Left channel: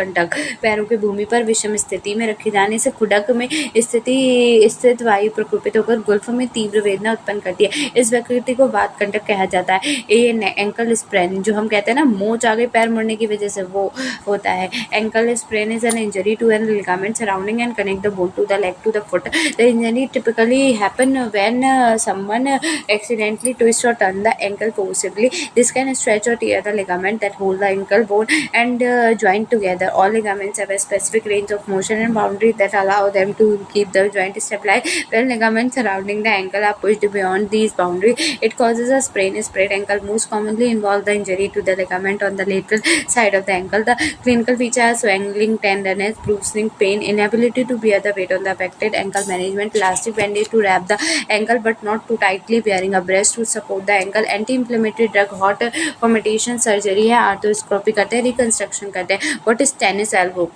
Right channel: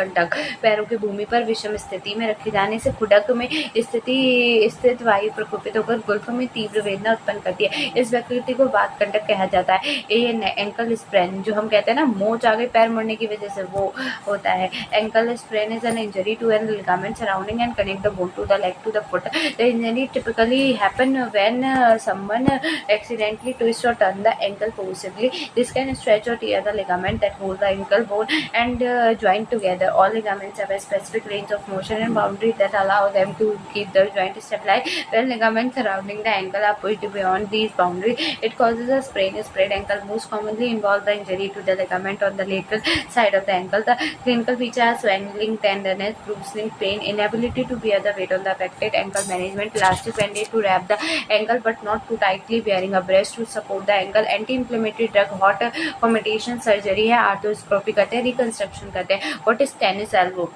कंटक, पैरों की भूमि पर विषम स्थिति में रखे जाने से खुडक में स्थित वायु प्रकोपित होकर गुल्फ में तीव्र वेदना उत्पन्न करती है। इस विकृति को वात कंटक कहा जाता है। ये एंकल स्प्रेन जो हम कहते हैं ना, मोच आ गई पैर मुड़ने की वजह से, वो होता है। Ankle sprain is an injury to an ligament surrounding and connect the bone to the leg to the foot. The injury typically happen when someone accidentally twist or turn the ankle forcibly. This can stretch or tear the ligament that hold the ankle bone and joint together. All ligaments have a specific range of motion and boundary that allow them to keep the joint stabilized. When ligaments surrounding the ankle are pushed beyond these boundaries, it causes a sprain. A sprained ankle most commonly involve the injury to the ligament on the lateral side of the ankle. The clinical feature are swelling, tenderness, bruising, pain, inability to bear the weight on the affected ankle. Management: elastic bandage to wrap the ankle but not too tightly, wearing a brace to support the ankle, anti-inflammatory drug, hot fomentation, surgery है, arthroscopy करते हैं, reconstruction करते हैं. What is tennis elbow?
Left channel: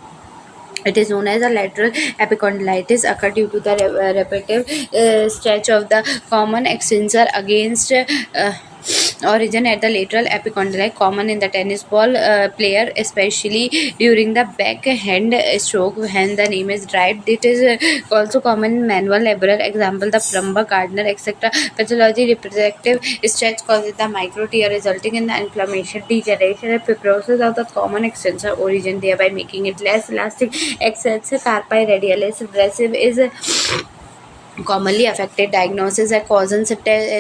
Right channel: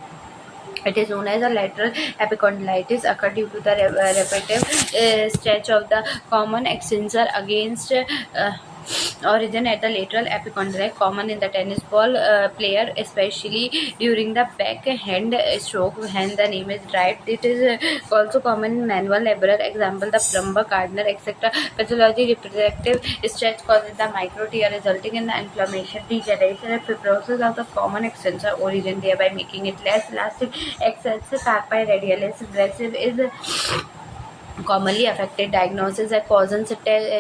It is known as a lateral epicondylitis occur due to the repetitive stretch of the common extensor against origin at the lateral epicondyle, common in the tennis ball player, especially during the backhand stroke when the name is drive. It is also common in manual laborer, example the plumber, gardener, etc. Pathology: reproductive stretch causes the micro tear resulting in the inflammation, degeneration, and fibrosis of the common extensor origin, thereby making it less elastic. Excessive carpi radialis aggressive is commonly affected. Diagnosis at Cousins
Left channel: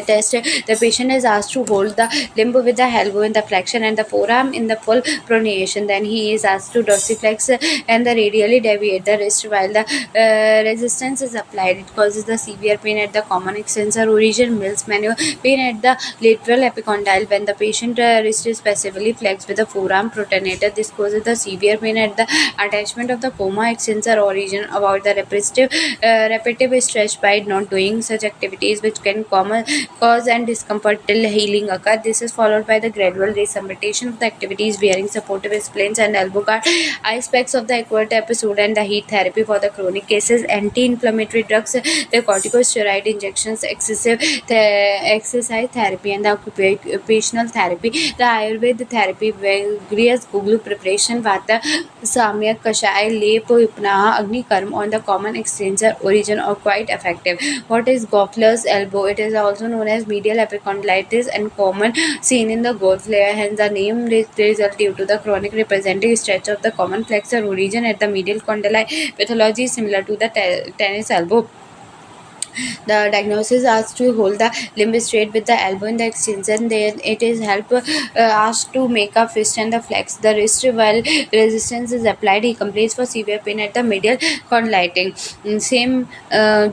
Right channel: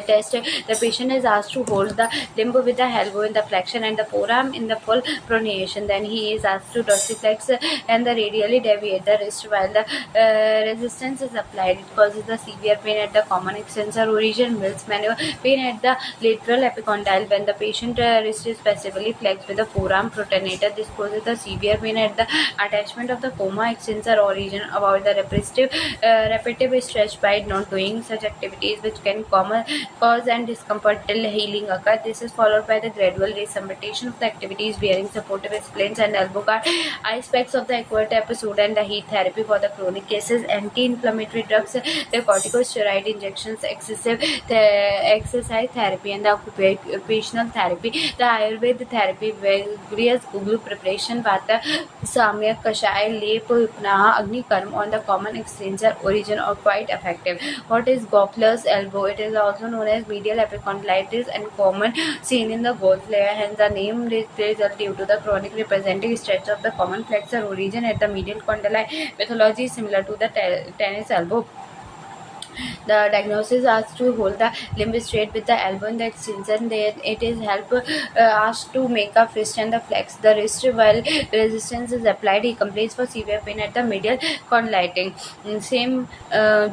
test. The patient is asked to hold the limb with the elbow in the flexion and the forearm in the full pronation. Then he is asked to dorsiflex and the radially deviate the wrist while the resistance is applied. It causes the severe pain at the common extensor origin. Mills maneuver: pain at the lateral epicondyle when the patient wrist is passively flexed with the forearm pronator. This causes the severe pain at the attachment of the coma extensor origin. About the repetitive stretch by not doing such activities which can cause and discomfort till healing occur. This is followed by the gradual resumption of the activities, wearing supportive splints and elbow guard, ice packs of the acute episode, and the heat therapy for the chronic cases. Anti-inflammatory drugs, the corticosteroid injections, excessive exercise therapy, and the occupational therapy. The Ayurveda therapy, various Guglu preparation, Vata, Samyak, Kashaya, Lep, Vipnaha, Agni Karma on the common extensor origin are quite effective. What is Goffler's elbow? It is also known as medial epicondylitis and common seen in the golf player. Hence, the name result due to the chronic representing stretch of the common flexor origin at the medial condyli. Pathology is similar to the tennis elbow. The diagnosis asks to hold the limb straight with the elbow in the extension. Then it is help asked to make a fist and the flex the wrist while resistance is applied. He complains for severe pain at the medial condyliting. Same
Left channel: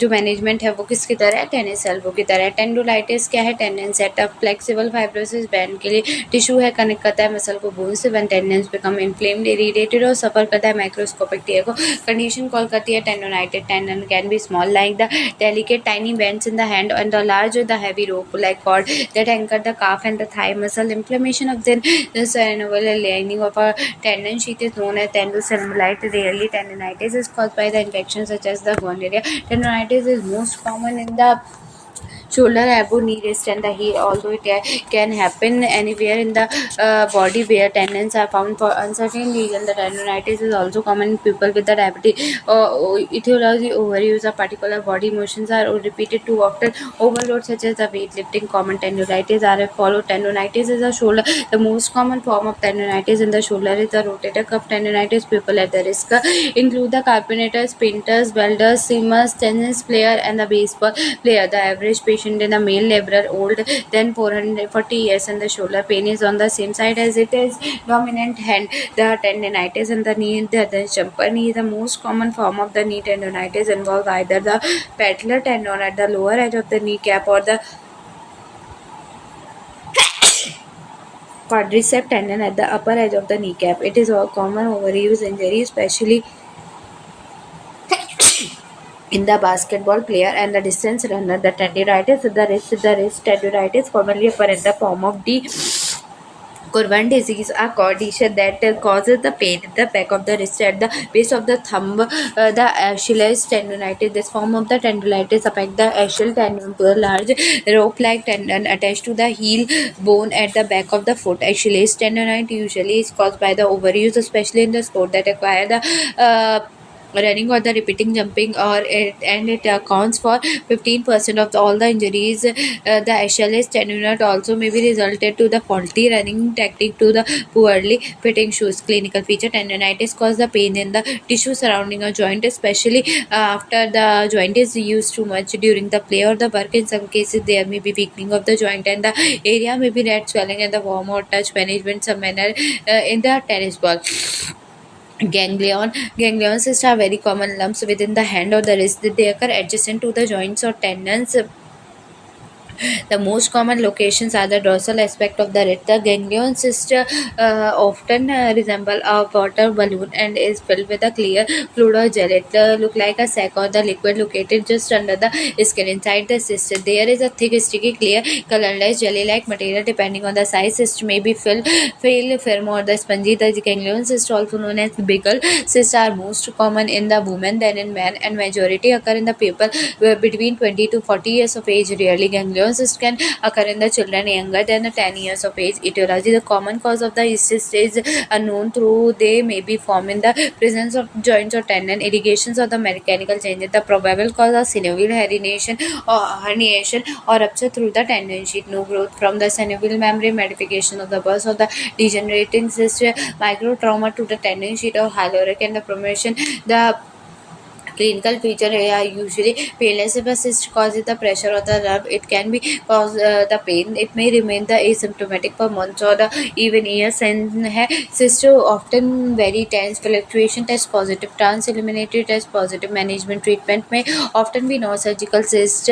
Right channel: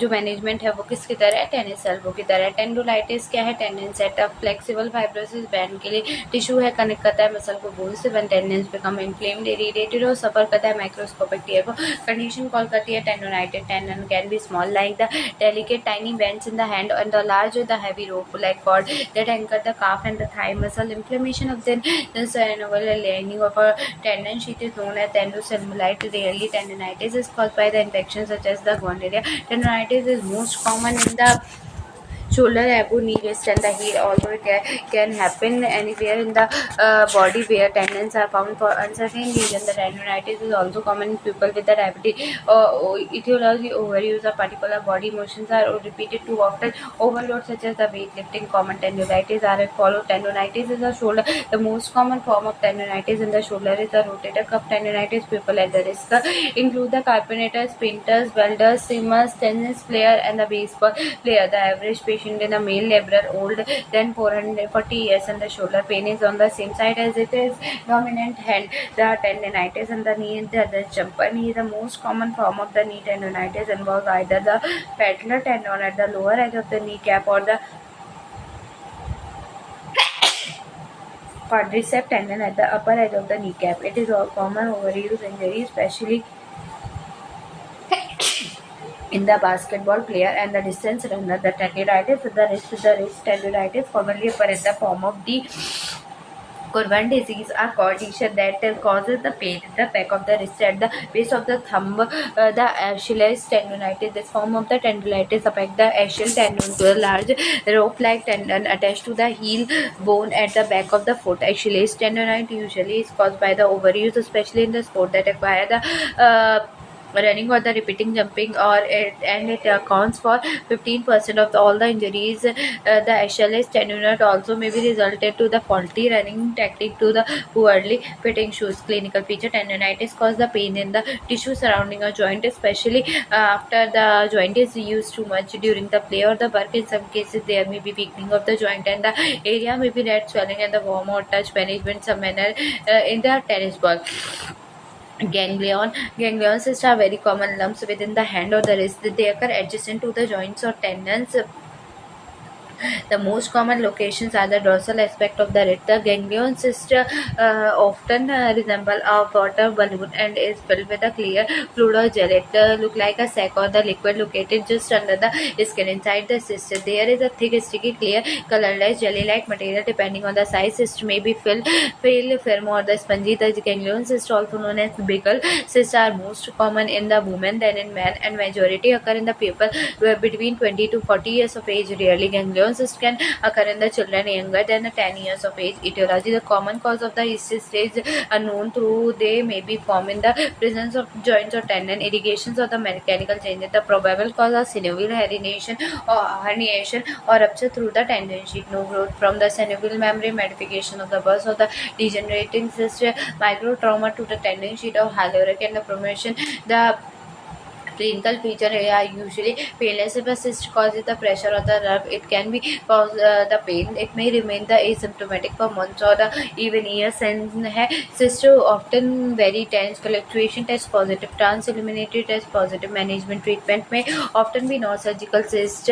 जो management है वो किसकी तरह है, tennis elbow की तरह है. टेंडुलाइटिस क्या है, tendon setup. Flexible fibrosis band के लिए टिश्यू है, कनेक्ट करता है मसल को बोन से. One tendons become inflamed, irritated और सफर करता है माइक्रोस्कोपिक टीयर को. कंडीशन कॉल करती है tendonitis. Tendon can be small like the delicate tiny bends in the hand and the large the heavy rope like cord that anchor the calf and the thigh muscle. Inflammation of the synovial lining of a tendon sheath is known as tendocellulite. Rarely tendonitis is caused by the infection such as the gonorrhea. Tendonitis is most common in the shoulder, elbow, knee, wrist, and the heel. Although it can happen anywhere in the body where tendons are found for uncertain reason, the tendonitis is also common in people with the diabetes. Etiology: overuse of particular body motions are repeated too often. Overload such as the weightlifting. Common tendonitis are as follows. Tendonitis is a shoulder. The most common form of tendonitis in the shoulder is the rotator cuff tendonitis. People at the risk include the carpenters, painters, welders, swimmers, tennis player, and the baseball player. The average patient in a male laborer older than 440 years, and the shoulder pain is on the same side as it is dominant hand. The tendonitis in the knee, the jumper knee, the most common form of the knee tendonitis involves either the patellar tendon at the lower edge of the kneecap or the quadricep tendon at the upper edge of the kneecap. It is a common overuse injury, especially in the basketball player and the distance runner. The tendonitis at the wrist tendonitis commonly occur in the form of Corvan disease, a condition that causes the pain in the back of the wrist at the base of the thumb, the Achilles tendonitis. This form of the tendonitis affects the Achilles tendon, to a large rope-like tendon attached to the heel bone at the back of the foot. Achilles tendonitis usually is caused by the overuse, especially in the sport that require the running or the repeating jumping, and it accounts for 15% of all the injuries. The Achilles tendon also may be resulted to the faulty running technique, to the poorly fitting shoes. Clinical feature: tendonitis cause the pain in the tissue surrounding a joint, especially after the joint is used too much during the play or the work. In some cases, there may be weakening of the joint, and the area may be red swelling and the warm or touch management some manner in the tennis ball. Ganglion cysts are very common lumps within the hand or the wrist. They occur adjacent to the joints or tendons. The most common locations are the dorsal aspect of the wrist. The ganglion cyst often resemble a water balloon and is filled with a clear fluid or gel. It look like a sac or the liquid located just under the skin. Inside the cyst, there is a thick, sticky, clear, colorless, jelly-like material. Depending on the size, cyst may be firm or the spongy. The ganglion cyst, also known as Bickel cysts, are most common in the women than in men, and majority occur in the people between 20 to 40 years of age. Rarely, ganglion cyst can occur in the children younger than 10 years of age. Etiology: the common cause of the cyst is unknown, through they may be formed in the presence of joints or tendon irrigations or the mechanical changes. The probable cause of synovial herniation or rupture through the tendon sheet. No growth from the synovial membrane, modification of the burst of the degenerating cyst, micro trauma to the tendon sheet or hyaluronic, and the promotion. The clinical feature are usually painless. If a cyst causes the pressure or the nerve, it can be cause the pain. It may remain the asymptomatic for months or even years, and cyst often very tense. Fluctuation test positive, trans eliminated test positive. Management: treatment may often be non-surgical. Cyst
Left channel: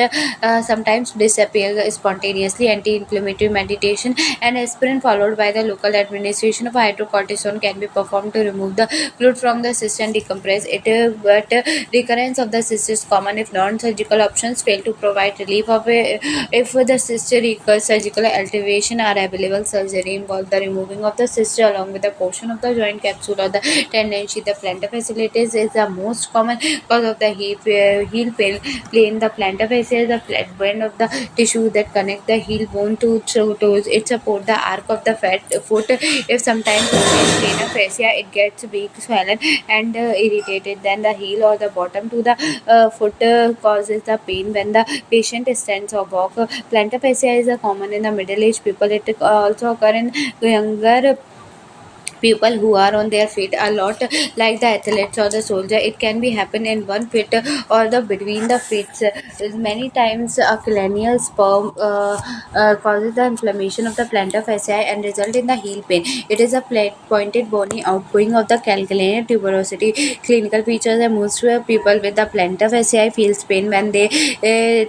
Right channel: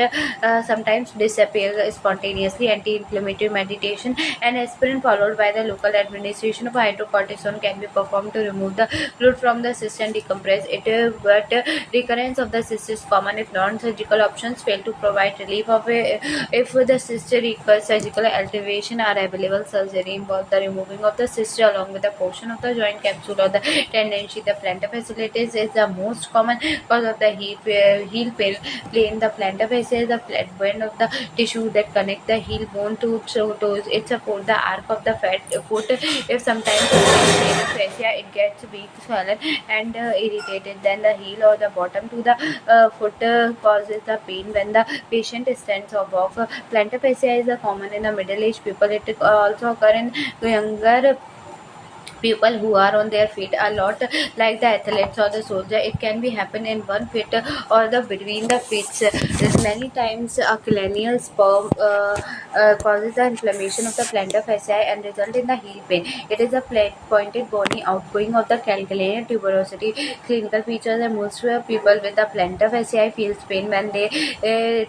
sometimes disappear spontaneously. Anti-inflammatory medication and aspirin followed by the local administration of hydrocortisone can be performed to remove the fluid from the cyst and decompress it. But recurrence of the cyst is common if non-surgical options fail to provide relief of if the cyst recurs. Surgical alteration are available. Surgery involves the removing of the cyst along with a portion of the joint capsule or the tendon sheath. The plantar fasciitis is the most common cause of the heel plane. The plantar fascia is the flat band of the tissue that connect the heel bone to toes. It supports the arc of the foot. If sometimes plantar fascia, it gets weak, swollen, and irritated, then the heel or the bottom to the foot causes the pain when the patient stands or walk. Plantar fascia is common in the middle-aged people. It also occur in younger people who are on their feet a lot, like the athletes or the soldier. It can be happen in one foot or the between the feet. Many times a cranial sperm causes the inflammation of the plantar fascia and result in the heel pain. It is a pointed bony outgoing of the calcaneal tuberosity. Clinical features: are most people with the plantar fascia feels pain when they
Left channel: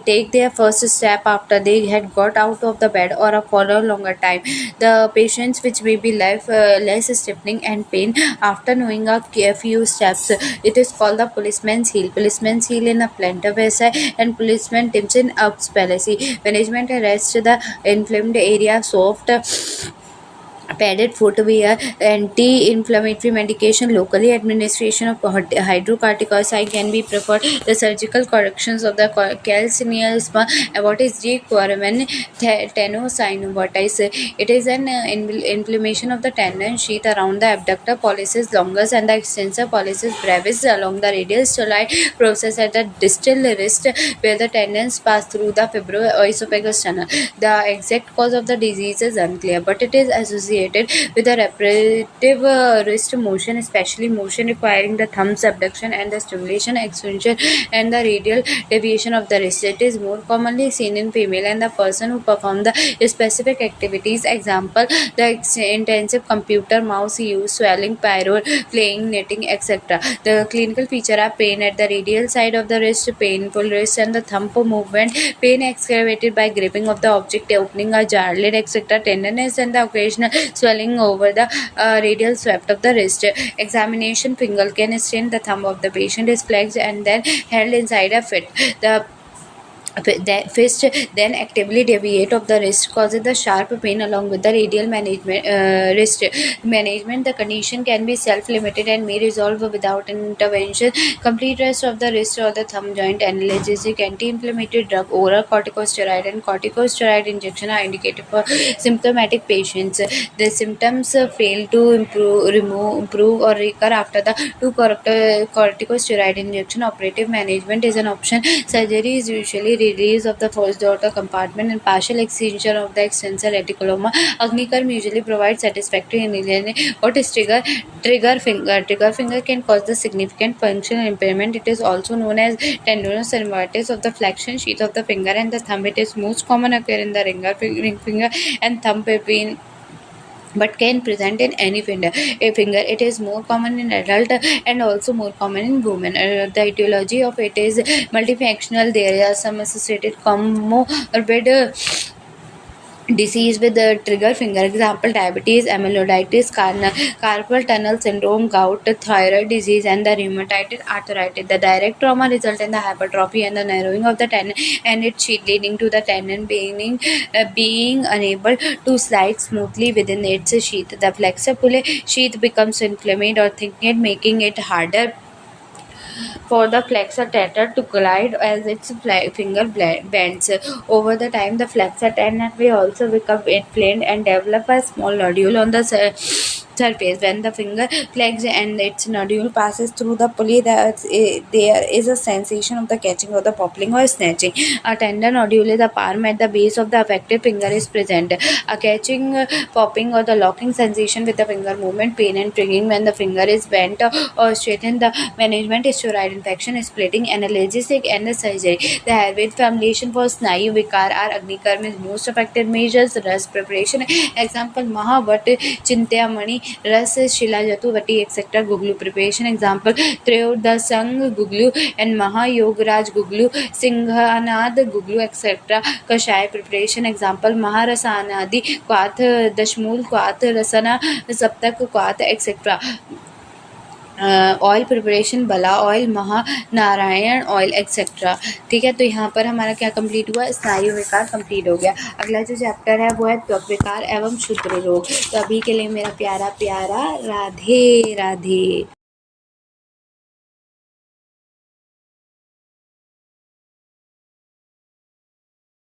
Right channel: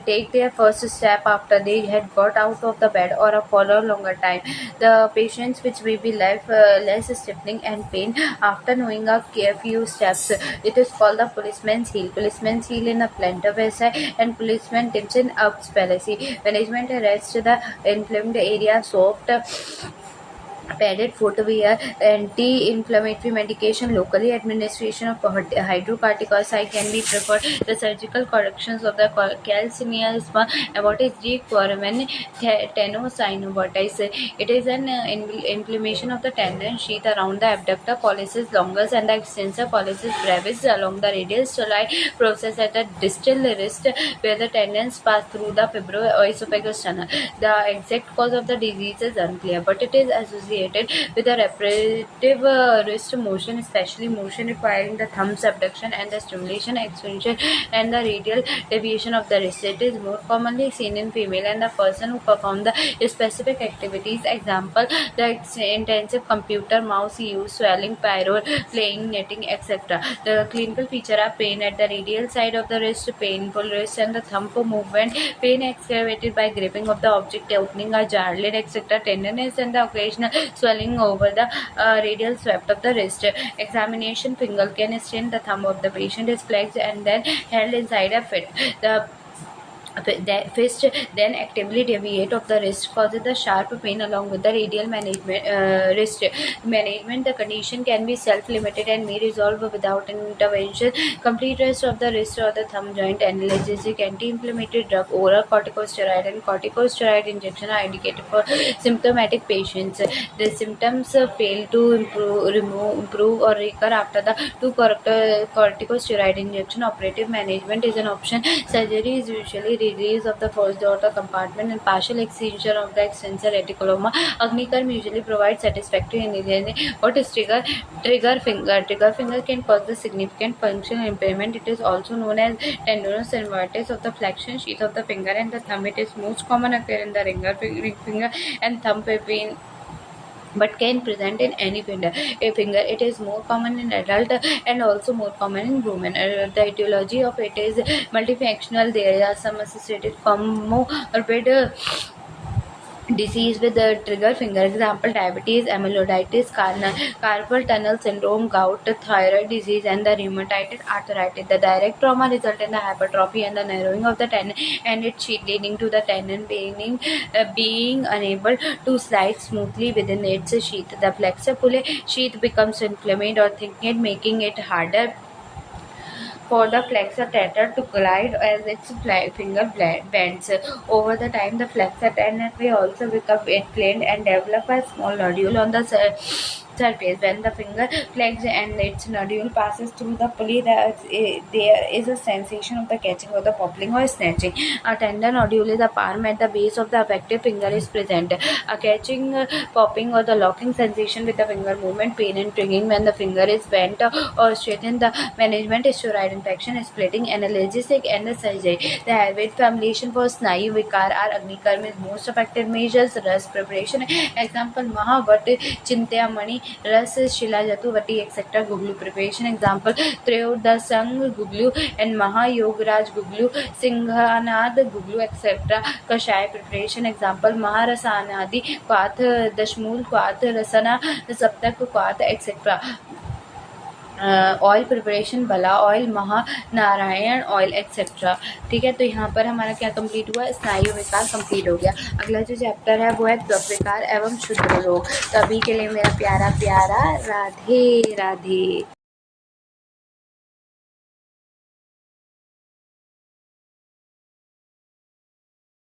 take their first step after they had got out of the bed or for a longer time. The patients which may be less stiffening and pain after knowing a few steps. It is called the policeman's heel. Policeman's heel in a plantar fascia and policeman tips in ups palsy. Management: rest the inflamed area soft padded footwear, anti-inflammatory medication, locally administration of hydrocorticoid can be preferred. The surgical corrections of the calcineal abortus G. Quaraman tenosynovitis. It is an inflammation of the tendon sheath around the abductor pollicis longus and the extensor pollicis brevis along the radial styloid process at the distal wrist, where the tendons pass through the fibroesophagus tunnel. The exact cause of the disease is unclear, but it is associated with a repetitive wrist motion, especially motion requiring the thumb's abduction and the stimulation, extension, and the radial deviation of the wrist. It is more commonly seen in female and the person who perform the specific activities. Example: the intensive computer mouse use, swelling, pyro, playing, knitting, etc. The clinical feature are pain at the radial side of the wrist, painful wrist and the thumb movement, pain excavated by gripping of the object, opening a jar lid, etc. Tenderness and the occasional swelling over the radial swept of the wrist. Examination: finger can stain. The thumb of the patient is flexed and then held inside a fit. The fist then actively deviate of the wrist causes the sharp pain along with the radial wrist management. The condition can be self-limited and may resolve without intervention. Complete rest of the wrist or the thumb joint. Analgesic, anti-inflammatory drug, oral corticosteroid and corticosteroid injection are indicated for symptomatic patients. The symptoms fail to improve or recur after the two corticosteroid injection. Operative management is an option. Surgery is usually release of the first daughter compartment and partial excision of the extensor reticulum. Agnikarm usually provides satisfactory analgesia. What is trigger finger? Trigger finger can cause the significant functional impairment. It is also known as tendinous synovitis of the flexion sheath of the finger and the thumb. It is most common occur in the ring finger and thumb between, but can present in any finger. It is more common in adult and also more common in women. The etiology of it is multifunctional. There are some associated comorbid disease with the trigger finger. Example: diabetes, amyloiditis, carpal tunnel syndrome, gout, thyroid disease, and the rheumatoid arthritis. The direct trauma result in the hypertrophy and the narrowing of the tendon and its sheath, leading to the tendon being unable to slide smoothly within its sheath. The flexor pulley sheath becomes inflamed or thickened, making it harder for the flexor tendon to glide as its finger bends. Over the time, the flexor tendon may also become inflamed and develop a small nodule on the surface. When the finger flex and its nodule passes through the pulley, there is a sensation of the catching or the popping or snatching. A tender nodule is a palm at the base of the affected finger is present. A catching, popping, or the locking sensation with the finger movement, pain and triggering when the finger is bent or straightened. The management is steroid infection, splitting, analgesic, and the surgery. The Ayurvedic formulation for Snayu Vikar are Agnikarm is most effective measures. Ras preparation. Example: Mahavat, Chintamani, Ras, Shilajatu, Vati, etc. Guglu preparation. Example: Trayodasang Guglu and Maha Yogaraj Guglu, Singhanad Guglu, etc. Kashaya preparation. Example: Maharasanadi, Kwath, Dashmul, Kwath, Rasana, Saptak, Kwath, etc. Oil preparation, बला oil, Mahanarayan oil, etcetera. ठीक है, तो यहाँ पर हमारा क्या complete हुआ? स्नायु विकार कंप्लीट हो गया. अगला जो चैप्टर है वो है त्वक विकार एवं क्षुद्र रोग. तो अभी के लिए मेरा प्यारा प्यारा राधे राधे.